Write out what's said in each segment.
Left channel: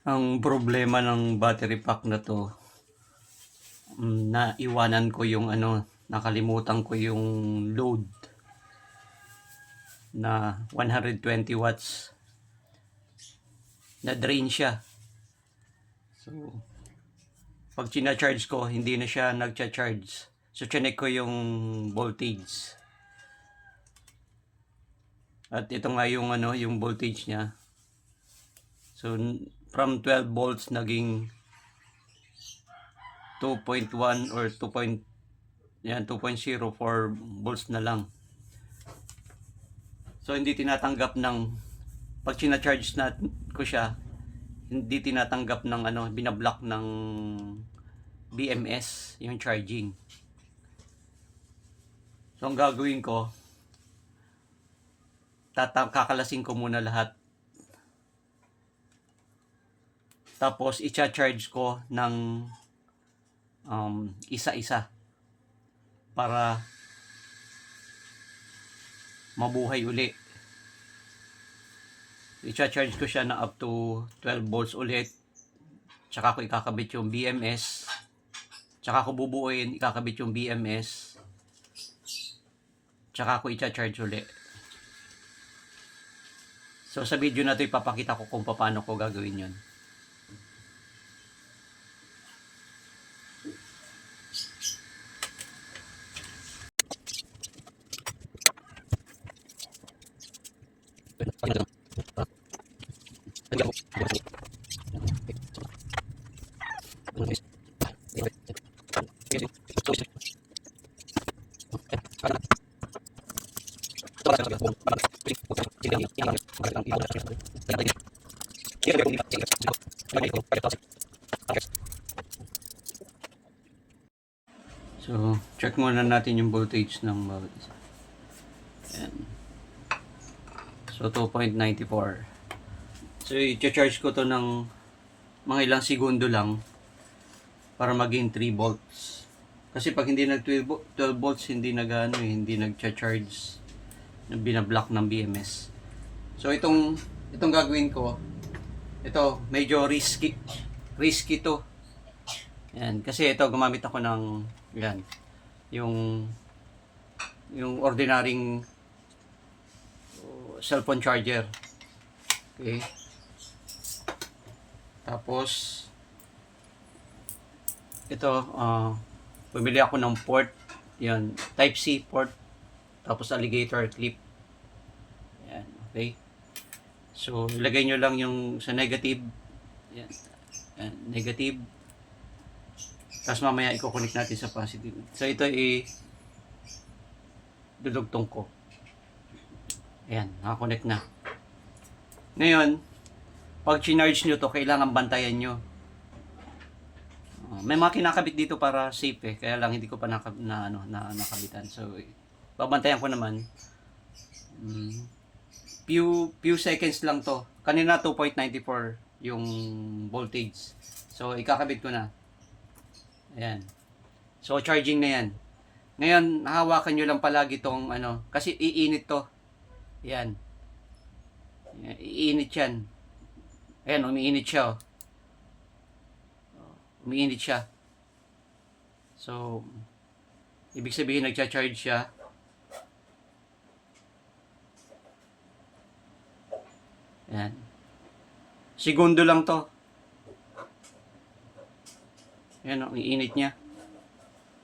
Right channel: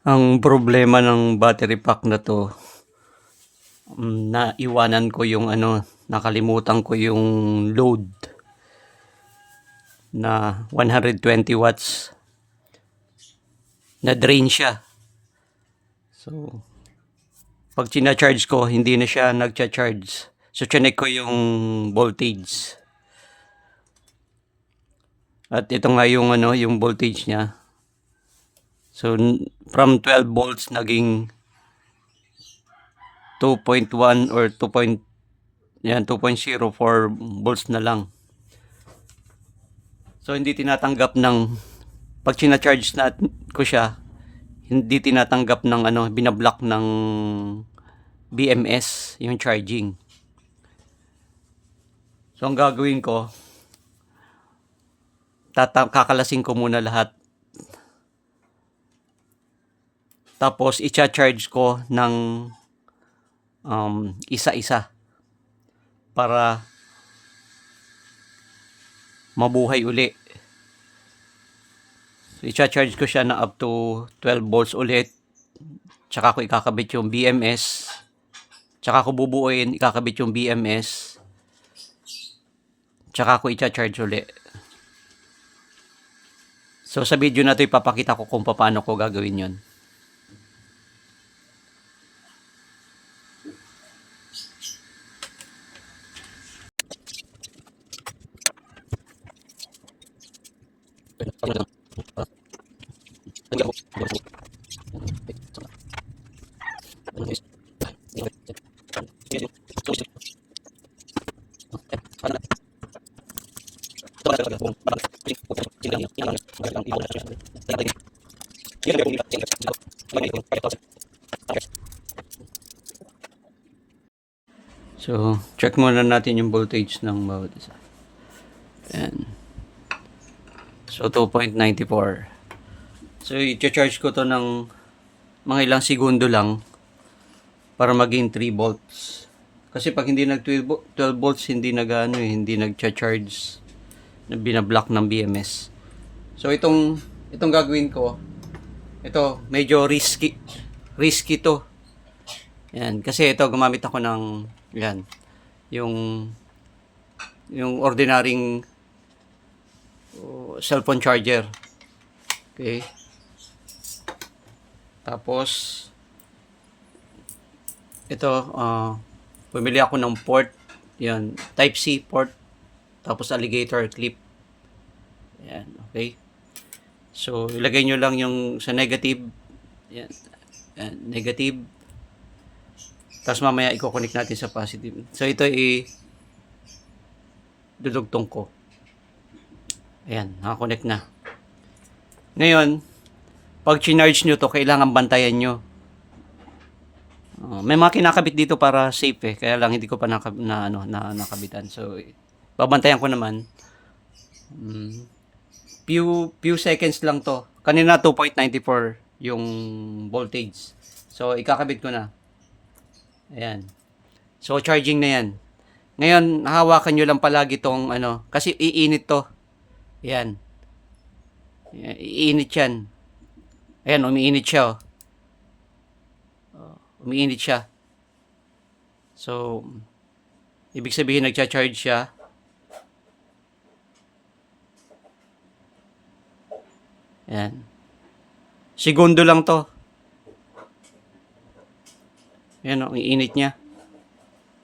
Ang problema ng battery pack na 'to, naiwanan ko yung ano, nakalimutan ko yung load na 120 watts. Na-drain siya. So, 'pag china-charge ko, hindi na siya nagcha-charge. So, chineck ko yung voltage. At ito nga yung ano, yung voltage niya. So, from 12 volts naging 2.1 or 2.04 volts na lang. So, hindi tinatanggap ng pag china-charge na ko siya, hindi tinatanggap ng ano, binablock ng BMS yung charging. So, ang gagawin ko, kakalasin ko muna lahat. Tapos, i-charge ko ng isa-isa para mabuhay uli. So, i-charge ko siya na up to 12 volts ulit. Tsaka ko ikakabit yung BMS. Tsaka ko bubuuin, ikakabit yung BMS. Tsaka ko i-charge uli. So, sa video na ito, ipapakita ko kung paano ko gagawin yon. So, check muna natin yung voltage ng bawat isa. Ayan. So, 2.94. So, i-charge ko to ng mga ilang segundo lang para maging 3 volts. Kasi pag hindi nag 12 volts, hindi hindi nagcha-charge, na binablock ng BMS. So, itong gagawin ko, ito, medyo risky to. Yan, kasi ito, gumamit ako ng, yan, yung ordinaryong cellphone charger. Okay. Tapos, ito, bumili ako ng port. Yan, Type-C port. Tapos, alligator clip. Yan, okay. So, ilagay nyo lang yung sa negative. Yan, negative. Tapos mamaya i-connect natin sa positive. So, ito dudugtong ko. Ayan, nakakonect na. Ngayon, pag chinarge nyo to, kailangan bantayan nyo. May mga kinakabit dito para safe kaya lang hindi ko pa nakabitan. So, babantayan ko naman. Few seconds lang to. Kanina 2.94 yung voltage. So, ikakabit ko na. Ayan. So, charging na yan. Ngayon, hawakan nyo lang palagi tong kasi iinit to. Ayan. Iinit yan. Ayan, umiinit siya. Umiinit siya. So, ibig sabihin nagcha-charge siya. Ayan. Segundo lang to. Ayan, umiinit niya.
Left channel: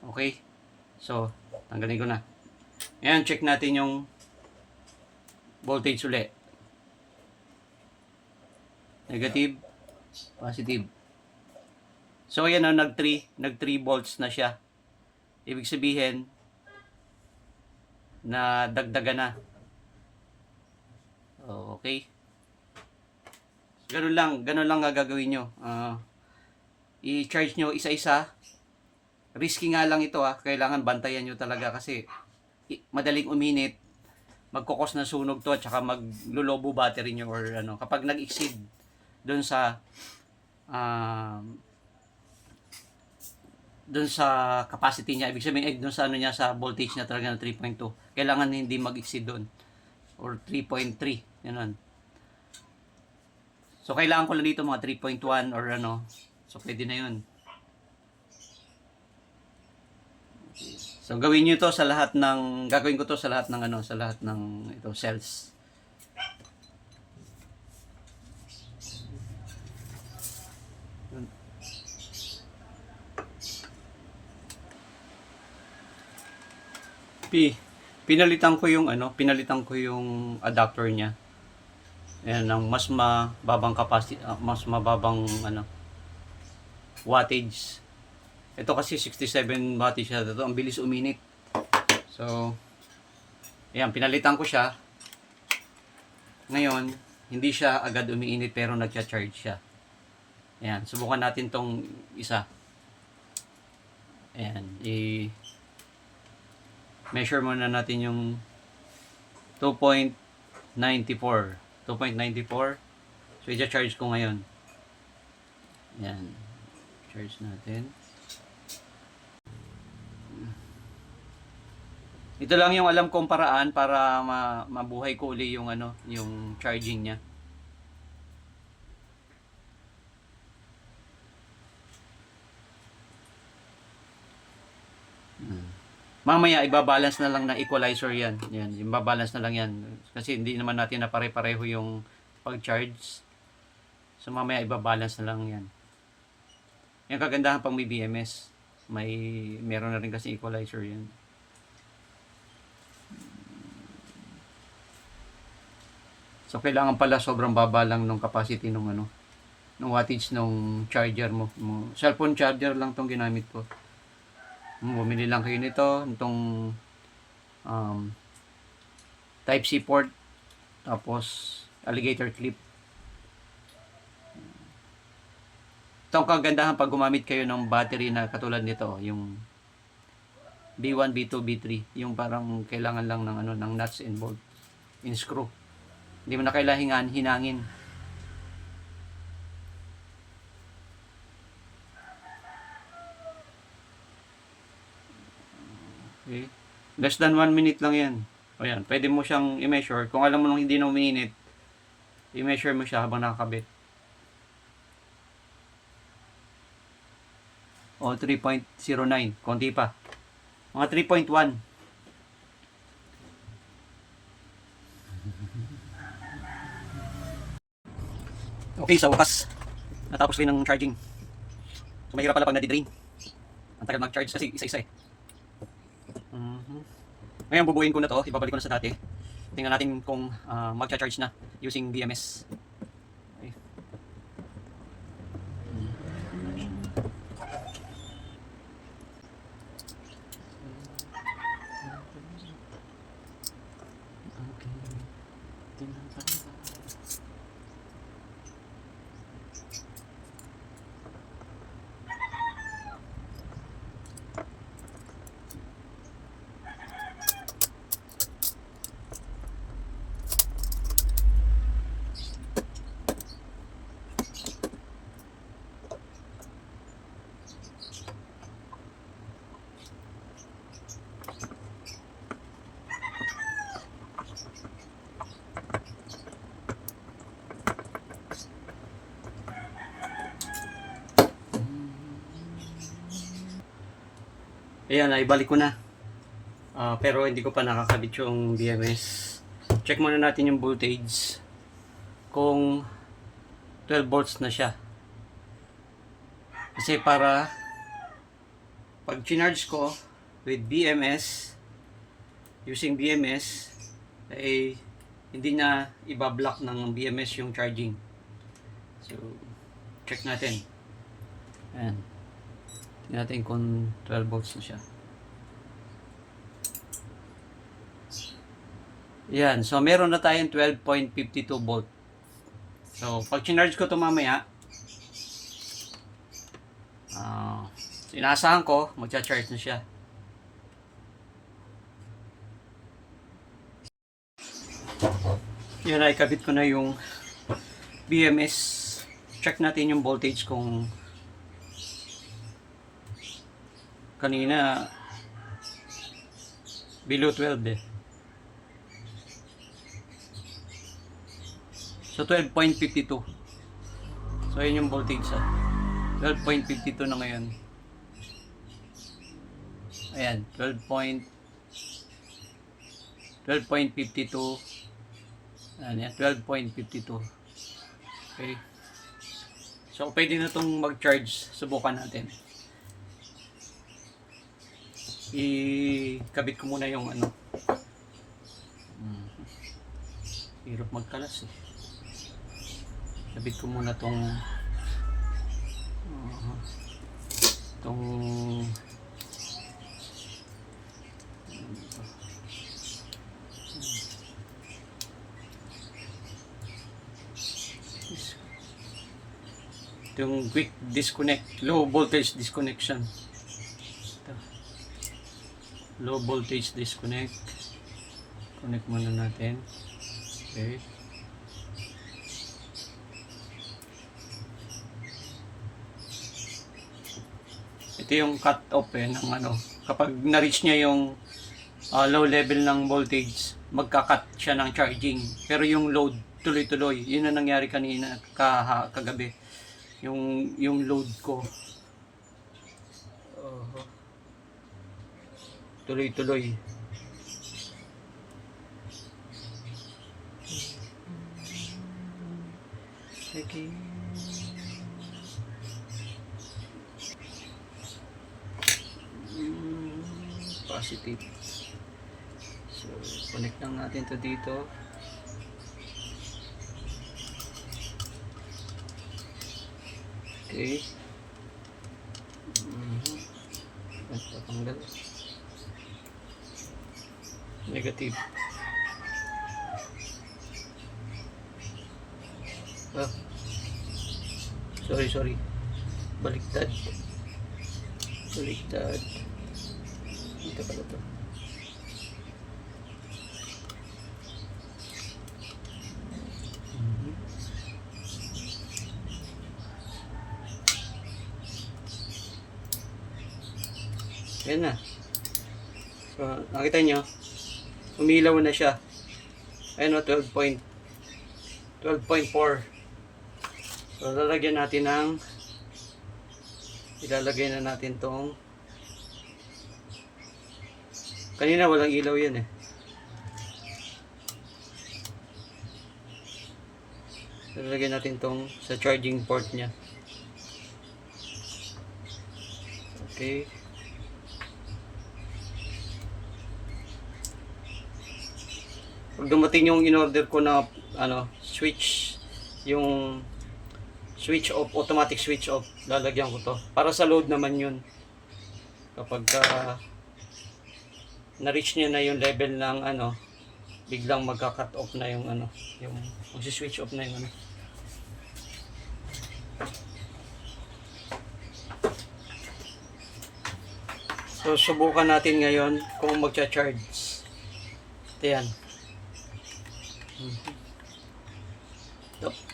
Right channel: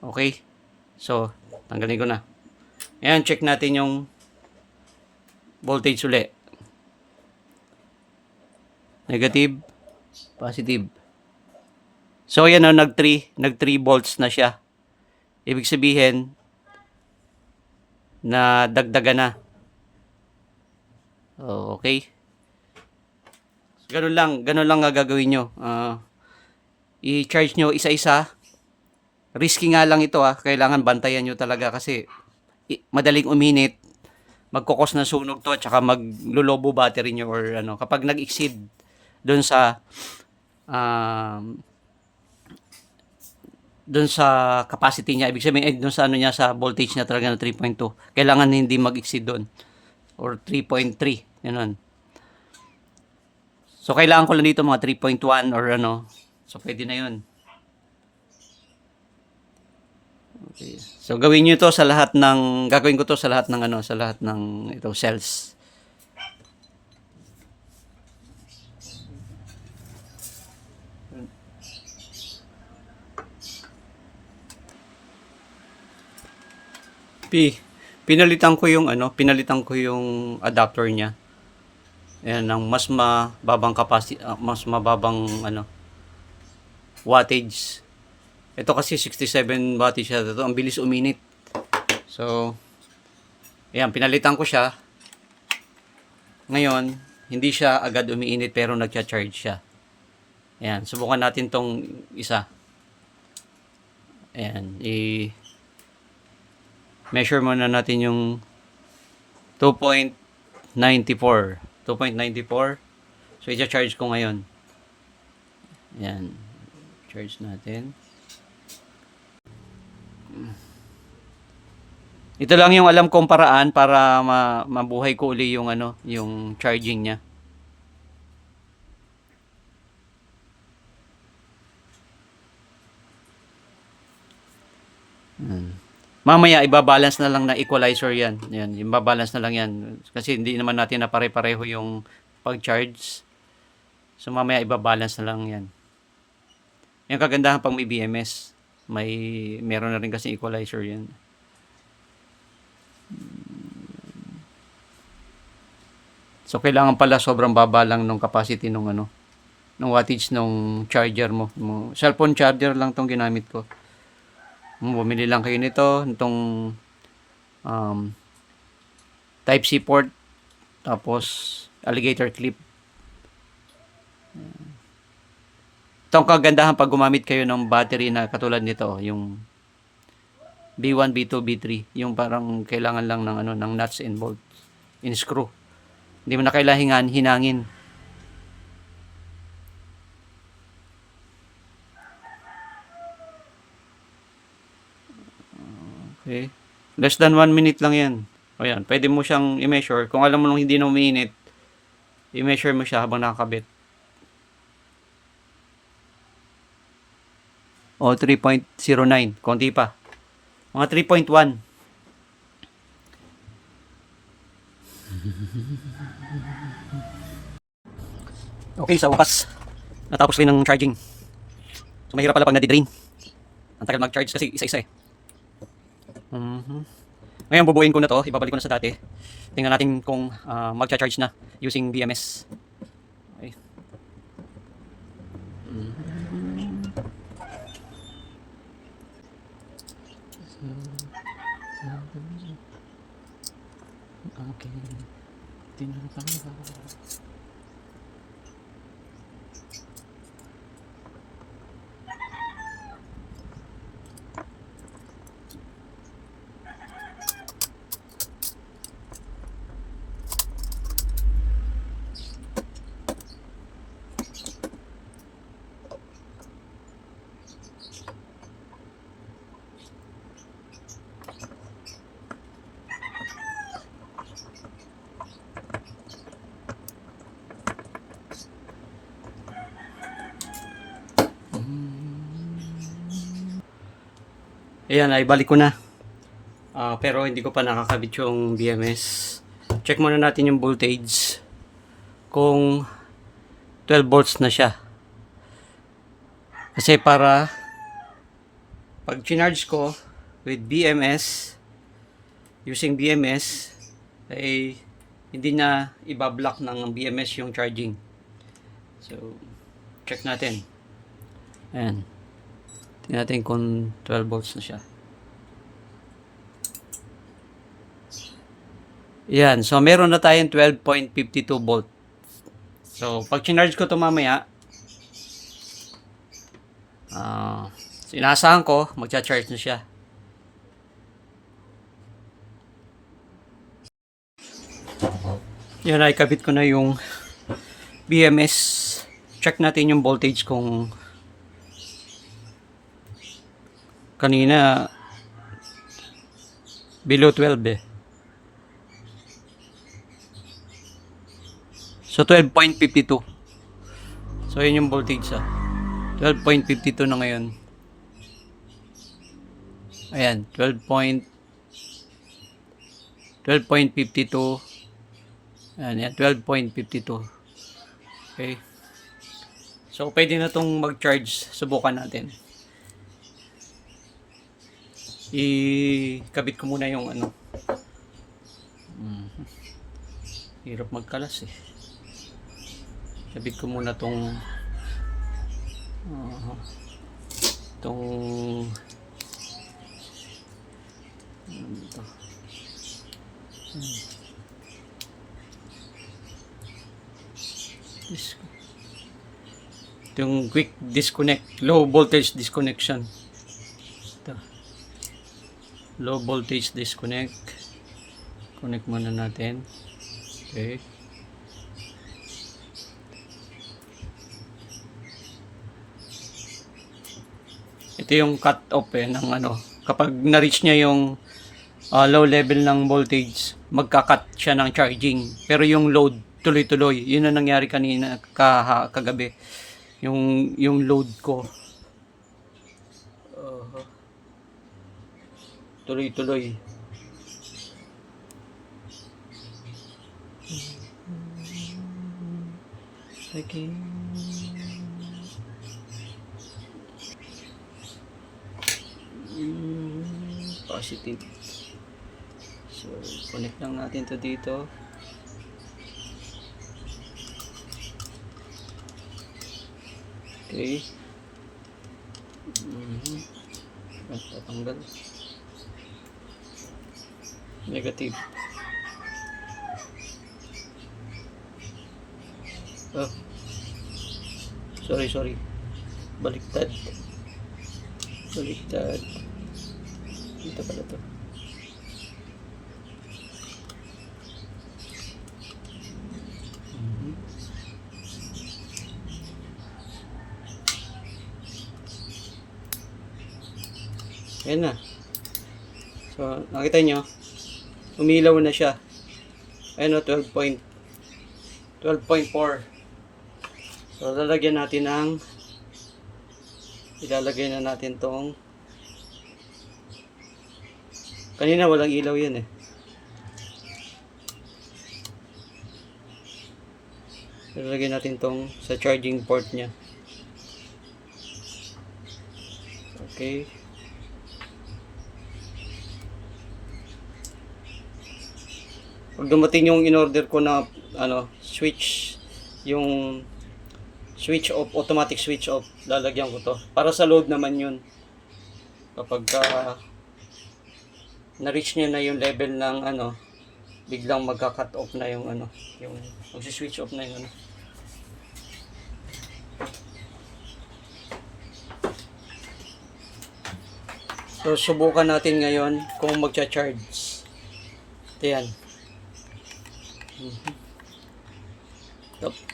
Okay. So, tanggalin ko na. Ayan, check natin yung voltage ulit. Negative, positive. So, ayan nag 3 volts na siya. Ibig sabihin, na dagdagan na. Okay. Ganun lang nga gagawin nyo. I-charge nyo isa-isa. Risky nga lang ito kailangan bantayan nyo talaga kasi madaling uminit, magkukos na sunog to at saka maglulobo battery nyo or kapag nag-exceed doon sa capacity niya, ibig sabihin doon sa niya sa voltage niya talaga na 3.2, kailangan hindi mag-exceed doon or 3.3 ganun. So, kailangan ko lang dito mga 3.1 or ano. So, pwede na yun. Okay. So, gawin nyo to sa lahat ng, gagawin ko to sa lahat ng ano, sa lahat ng ito, cells. Pinalitan ko yung ano, pinalitan ko yung adapter niya. Ayan, ng mas mababang capacity, mas mababang ano, wattage. Ito kasi 67 wattage siya. Ito, ang bilis uminit. So, ayan, pinalitan ko siya. Ngayon, hindi siya agad umiinit pero nagcha-charge siya. Ayan, subukan natin tong isa. Ayan, measure muna natin yung 2.94. 2.94. So, i-charge ko ngayon. Ayan. Charge natin. Ito lang yung alam kong paraan para mabuhay ko uli yung ano, yung charging niya. Mamaya ibabalance na lang na equalizer yan. Yan, ibabalance na lang yan. Kasi hindi naman natin na pare-pareho yung pag-charge. So mamaya ibabalance na lang yan. Yung kagandahan pag may BMS, meron na rin kasi equalizer yan. So kailangan pala sobrang baba lang ng capacity nung ano, ng wattage nung charger mo. Cellphone charger lang tong ginamit ko. Bumili lang kayo nito, itong Type-C port, tapos alligator clip. Itong kagandahan pag gumamit kayo ng battery na katulad nito, yung B1, B2, B3, yung parang kailangan lang ng ano, ng nuts and bolts, in screw. Hindi mo na kailangan hinangin. Okay. Less than 1 minute lang yan. O yan, pwede mo siyang i-measure. Kung alam mo nung hindi na umiinit, i-measure mo siya habang nakakabit. O 3.09, konti pa. Mga 3.1. Okay, sa wakas, natapos rin ng charging. So mahirap pala pag nadidrain. Ang tagal mag-charge kasi isa-isa eh. Ngayon bubuin ko na to, ibabalik ko na sa dati. Tingnan natin kung magcha-charge na using BMS. Okay. Ayan, ay balik ko na. Pero hindi ko pa nakakabit yung BMS. Check muna natin yung voltage. Kung 12 volts na siya. Kasi para pag charge ko with BMS, using BMS, ay hindi na ibablock ng BMS yung charging. So, check natin. Ayan. Tingnan natin kung 12 volts na siya. Yan. So, meron na tayong 12.52 volt. So, pag charge ko ito mamaya, inaasahan ko, magcha-charge na siya. Yan, ikabit ko na yung BMS. Check natin yung voltage kung kanina below 12 eh. So 12.52. So, yun yung voltage 12.52 na ngayon. Ayan, 12.52. Ayan, 12.52. Okay. So, pwede na itong mag-charge. Subukan natin. Ikabit ko muna yung ano. Hirap magkalas eh. Kabit ko muna tong ito. Yung quick disconnect, low voltage disconnection. Ito. Low voltage disconnect. Connect muna natin. Okay. Ito yung cut off ng ano. Kapag na-reach niya yung low level ng voltage, magka-cut siya ng charging. Pero yung load tuloy-tuloy. Yun ang nangyari kanina kagabi. Yung load ko. Tuloy-tuloy. Okay. Positive. So, connect lang natin to dito. Okay. Tatanggal. Negative. Oh. Sorry. Baliktad. Dito pala to. Ayan na. So, nakita nyo, umilaw na siya. Ayan o, 12.4. So, ilalagay na natin tong kanina walang ilaw yan eh. Ilalagay natin tong sa charging port nya. Okay. Pag dumating yung in-order ko na switch, yung switch off, automatic switch off, lalagyan ko to. Para sa load naman yun. Kapag na-reach niya na yung level ng biglang magka-cut off na yung yung switch off na yung So, subukan natin ngayon kung magcha-charge. Ito yan.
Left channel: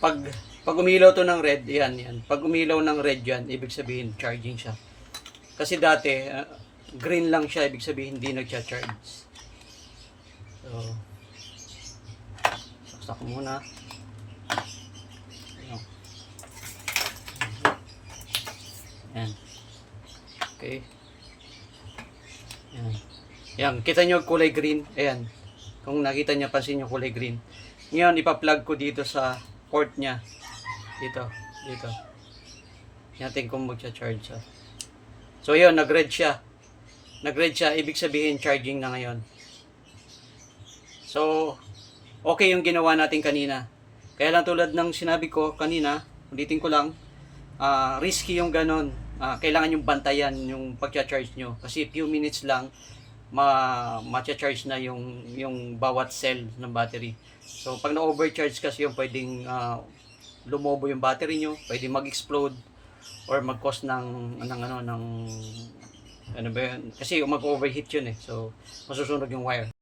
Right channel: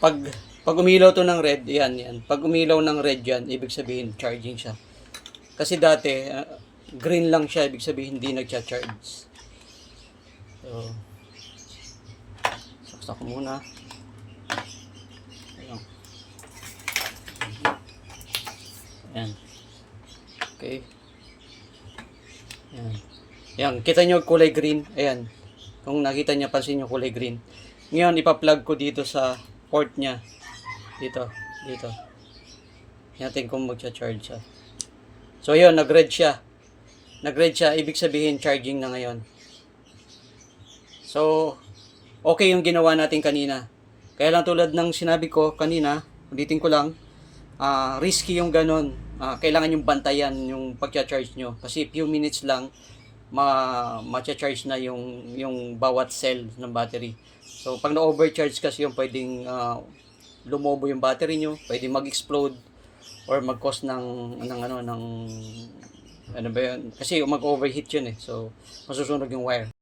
Pag umilaw to ng red, yan. Pag umilaw ng red yan, ibig sabihin charging siya. Kasi dati, green lang siya, ibig sabihin hindi nagcha-charge. So, saksak ko muna. Ayan. Okay. Ayan, kita nyo kulay green. Ayan. Kung nakita niya, pansin nyo kulay green. Ngayon, ipa-plug ko dito sa port niya. Dito. Natin kung magcha-charge siya. So, yun, nag-red siya. Ibig sabihin, charging na ngayon. So, okay yung ginawa natin kanina. Kaya lang tulad ng sinabi ko kanina, ulitin ko lang, risky yung ganon. Kailangan yung bantayan yung pagcha-charge nyo. Kasi few minutes lang, ma-charge na yung bawat cell ng battery. So, pag na-overcharge kasi yung pwedeng lumobo yung battery nyo, pwedeng mag-explode or mag-cause ng ano ba yun? Kasi mag-overheat yun eh. So, masusunog yung wire.